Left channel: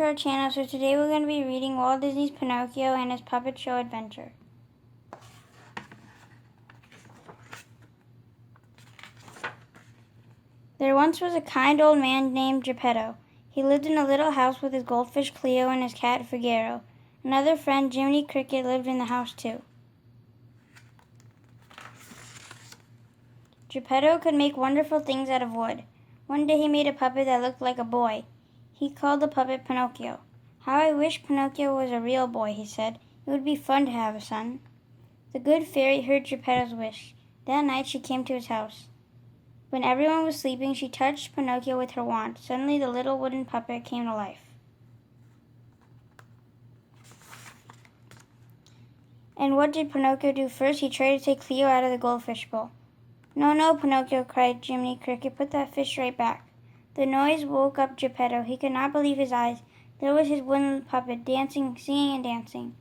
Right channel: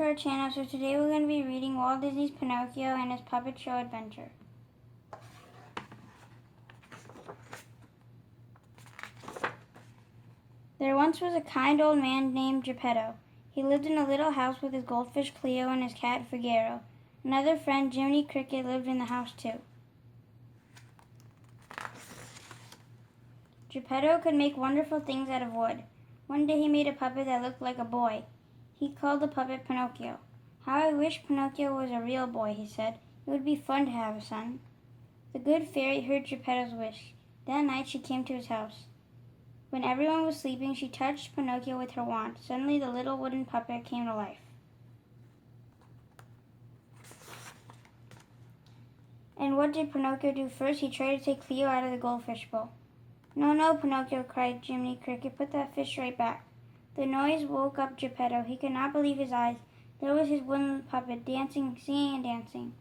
to our channel. So today we're going to be reading Walt Disney's Pinocchio and his puppet show adventure. There once was a kind old man named Geppetto. He lived in a little house with his goldfish Cleo and his cat Figaro. Another friend, Jiminy Cricket, lived in the house too. Geppetto could make wonderful things out of wood. One day he made a puppet that looked like a boy. He called the puppet Pinocchio. "How I wish Pinocchio was a real boy," he said. "It would be fun to have a son." The good fairy heard Geppetto's wish. That night she came to his house. When everyone was sleeping, she touched Pinocchio with her wand. Suddenly the little wooden puppet came to life. And what did Pinocchio do first? He tried to take Cleo out of the goldfish bowl. "No, no, Pinocchio," cried Jiminy Cricket. "Put that fish right back." The noise woke up Geppetto. He could not believe his eyes. There was his wooden puppet, dancing, singing, and dancing.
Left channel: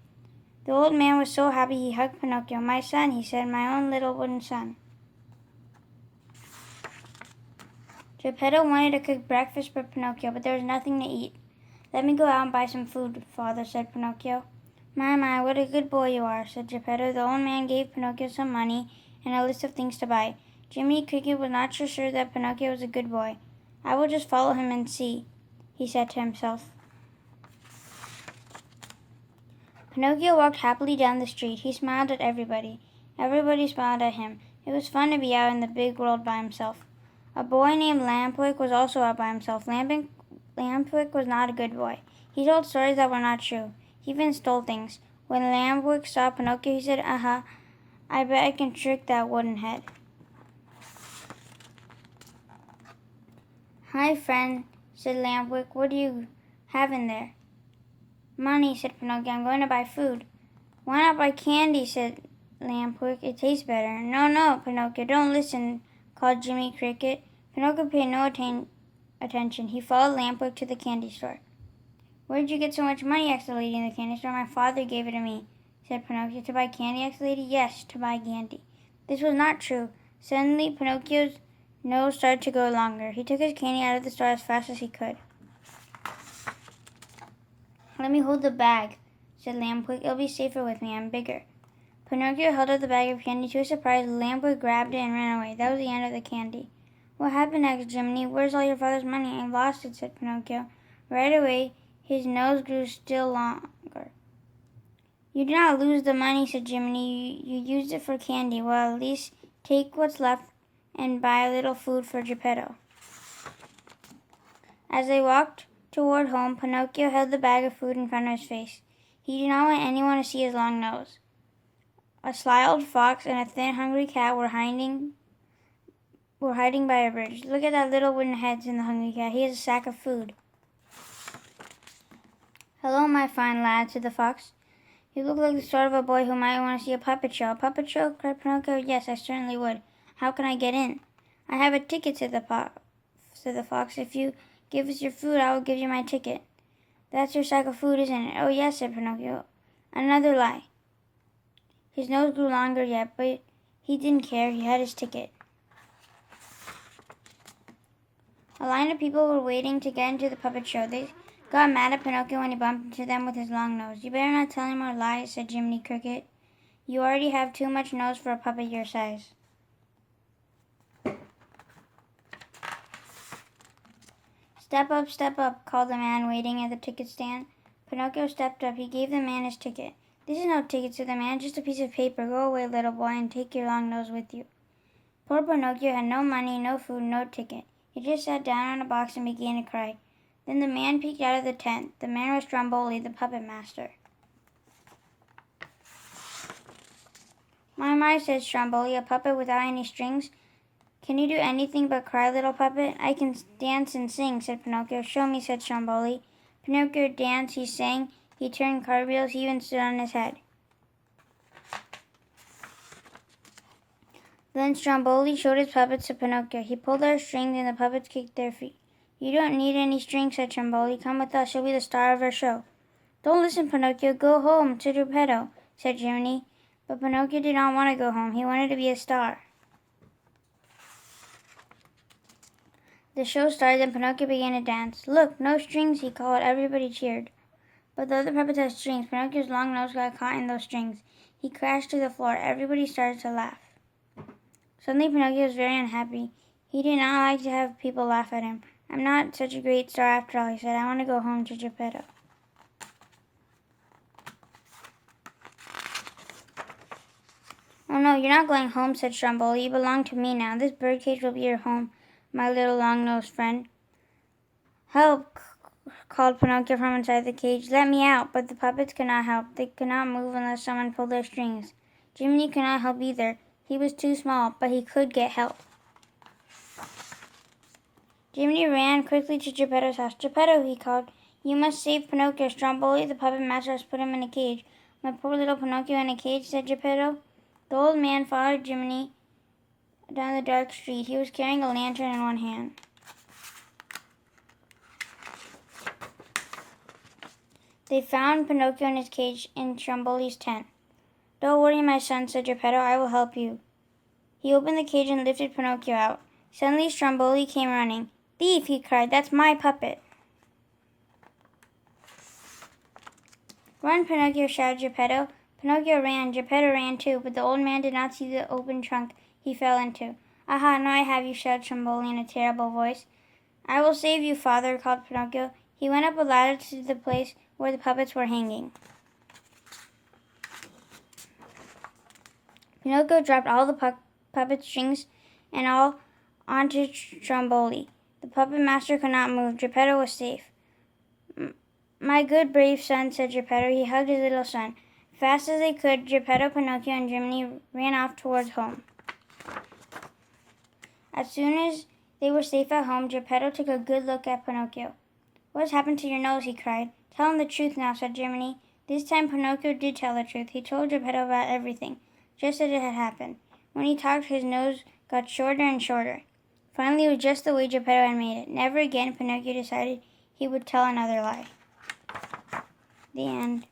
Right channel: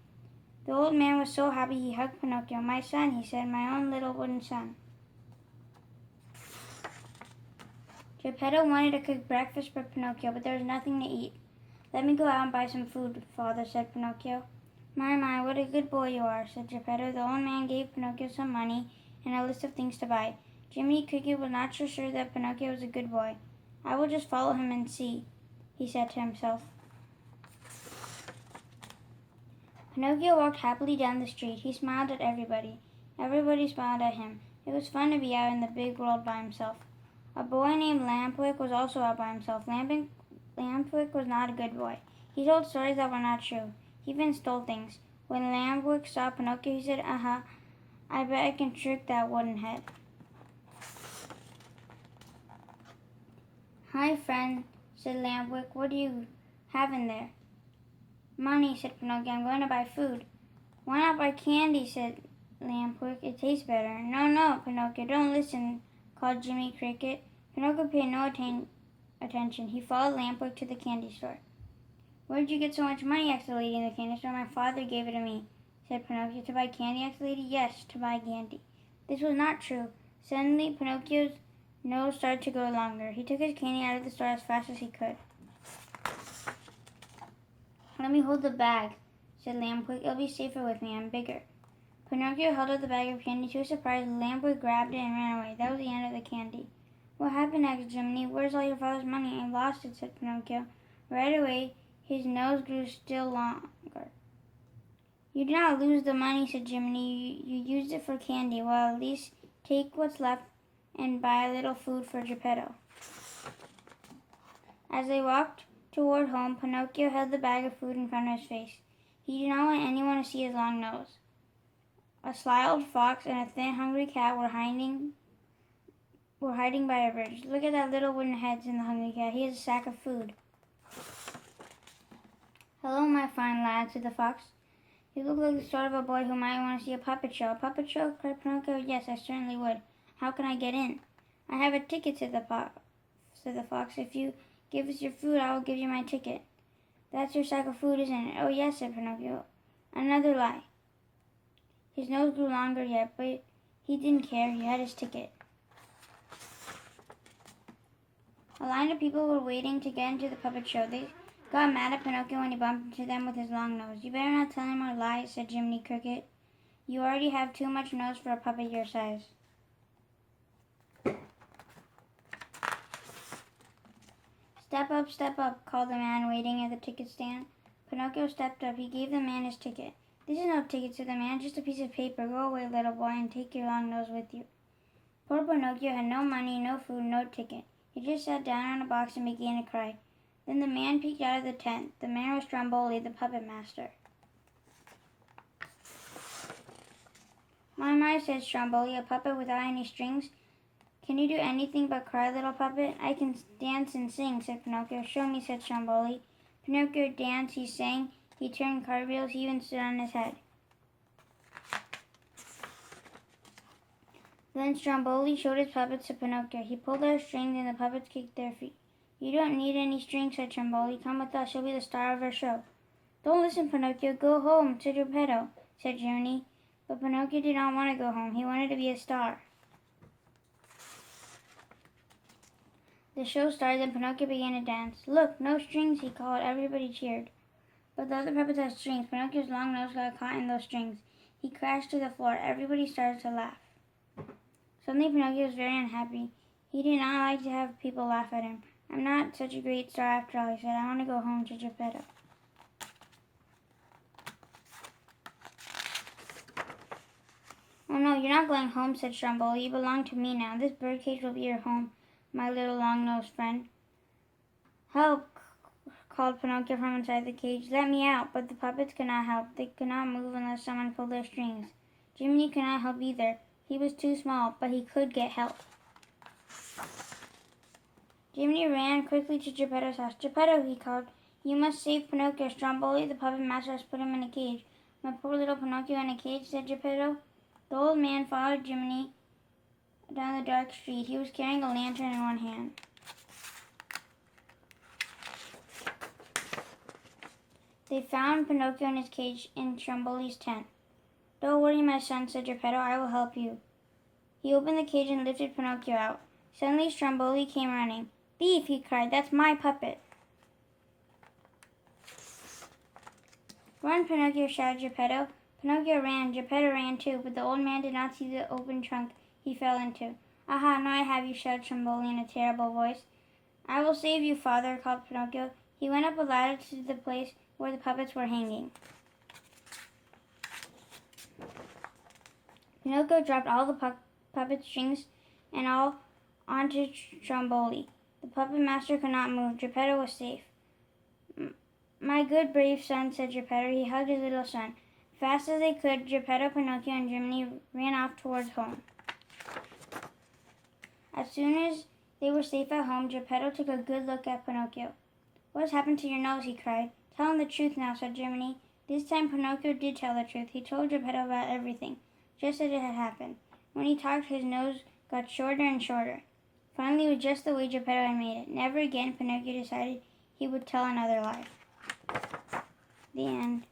The old man was so happy he hugged Pinocchio. "My son," he said, "my own little wooden son." Geppetto wanted to cook breakfast for Pinocchio, but there was nothing to eat. "Let me go out and buy some food, father," said Pinocchio. My, what a good boy you are," said Geppetto. The old man gave Pinocchio some money and a list of things to buy. Jiminy Cricket was not so sure that Pinocchio was a good boy. "I will just follow him and see," he said to himself. Pinocchio walked happily down the street. He smiled at everybody. Everybody smiled at him. It was fun to be out in the big world by himself. A boy named Lampwick was also out by himself. Lampwick was not a good boy. He told stories that were not true. He even stole things. When Lampwick saw Pinocchio, he said, "Aha, I bet I can trick that wooden head." "Hi, friend," said Lampwick. "What do you have in there?" "Money," said Pinocchio. "I'm going to buy food." "Why not buy candy?" said Lampwick. "It tastes better." "No, no, Pinocchio, don't listen," called Jiminy Cricket. Pinocchio paid no attention. He followed Lampwick to the candy store. "Where did you get so much money?" asked the lady in the candy store. "My father gave it to me," said Pinocchio. "To buy candy?" asked the lady. "Yes, to buy candy." This was not true. Suddenly, Pinocchio's nose started to go longer. He took his candy out of the store as fast as he could. "Let me hold the bag," said Lampwick. "It'll be safer with me. I'm bigger." Pinocchio held up the bag of candy. To his surprise, Lampwick grabbed it and ran away. That was the end of the candy. "What happened?" asked Jiminy. "Where's all your father's money?" "I lost it," said Pinocchio. Right away, his nose grew still longer. "You did not lose the money," said Jiminy. You used it for candy. Well, at least take what's left and buy a little food for Geppetto." As they walked toward home, Pinocchio held the bag of food in front of his face. He did not want anyone to see his long nose. A sly old fox and a thin, hungry cat were hiding by a bridge. "Look at that little wooden head," said the hungry cat. "He has a sack of food." "Hello, my fine lad," said the fox. "You look like the sort of a boy who might want to see a puppet show." "A puppet show?" cried Pinocchio. "Yes, I certainly would. How can I get in?" "I have a ticket," said the fox. "If you give us your food, I will give you my ticket." "That's your sack of food, isn't it?" "Oh, yes," said Pinocchio. Another lie. His nose grew longer yet, but he didn't care. He had his ticket. A line of people were waiting to get into the puppet show. They got mad at Pinocchio when he bumped into them with his long nose. "You better not tell any more lies," said Jiminy Cricket. "You already have too much nose for a puppet your size." Step up," called the man waiting at the ticket stand. Pinocchio stepped up. He gave the man his ticket. "This is no ticket," said the man, "just a piece of paper. Go away, little boy, and take your long nose with you." Poor Pinocchio had no money, no food, no ticket. He just sat down on a box and began to cry. Then the man peeked out of the tent. The man was Stromboli, the puppet master. My," said Stromboli, "a puppet without any strings. Can you do anything but cry, little puppet?" "I can dance and sing," said Pinocchio. "Show me," said Stromboli. Pinocchio danced, he sang, he turned cartwheels, he even stood on his head. Then Stromboli showed his puppets to Pinocchio. He pulled our strings and the puppets kicked their feet. "You don't need any strings," said Stromboli. "Come with us, you'll be the star of our show." "Don't listen, Pinocchio. Go home to Geppetto," said Jiminy. But Pinocchio did not want to go home. He wanted to be a star. The show started and Pinocchio began to dance. Look, no strings, he called. Everybody cheered. But the other puppets had strings. Pinocchio's long nose got caught in those strings. He crashed to the floor. Everybody started to laugh. Suddenly, Pinocchio was very unhappy. He did not like to have people laugh at him. I'm not such a great star after all, he said. I want to go home to Geppetto. Oh no, you're not going home, said Stromboli. You belong to me now. This birdcage will be your home, my little long-nosed friend. Help, called Pinocchio from inside the cage. Let me out. But the puppets could not help. They could not move unless someone pulled their strings. Jiminy could not help either. He was too small, but he could get help. Jiminy ran quickly to Geppetto's house. Geppetto, he called, you must save Pinocchio. Stromboli, the puppet master, has put him in a cage. My poor little Pinocchio in a cage, said Geppetto. The old man followed Jiminy down the dark street. He was carrying a lantern in one hand. They found Pinocchio in his cage in Stromboli's tent. Don't worry, my son, said Geppetto. I will help you. He opened the cage and lifted Pinocchio out. Suddenly Stromboli came running. Thief, he cried. That's my puppet. Run, Pinocchio, shouted Geppetto. Pinocchio ran. Geppetto ran too, but the old man did not see the open trunk he fell into. Aha, now I have you, shouted Stromboli in a terrible voice. I will save you, father, called Pinocchio. He went up a ladder to the place where the puppets were hanging. Pinocchio dropped all the puppet strings and all onto Stromboli. The puppet master could not move. Geppetto was safe. My good, brave son, said Geppetto. He hugged his little son. Fast as they could, Geppetto, Pinocchio, and Jiminy ran off towards home. As soon as they were safe at home, Geppetto took a good look at Pinocchio. What has happened to your nose? He cried. Tell him the truth now, said Jiminy. This time Pinocchio did tell the truth. He told Geppetto about everything, just as it had happened. When he talked, his nose got shorter and shorter. Finally, it was just the way Geppetto had made it. Never again, Pinocchio decided he would tell another lie. The end.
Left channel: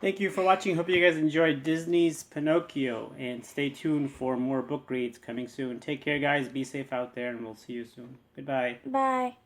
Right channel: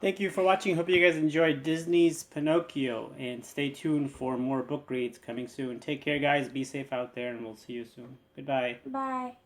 Thank you for watching. Hope you guys enjoyed Disney's Pinocchio. And stay tuned for more book reads coming soon. Take care, guys. Be safe out there, and we'll see you soon. Goodbye. Bye.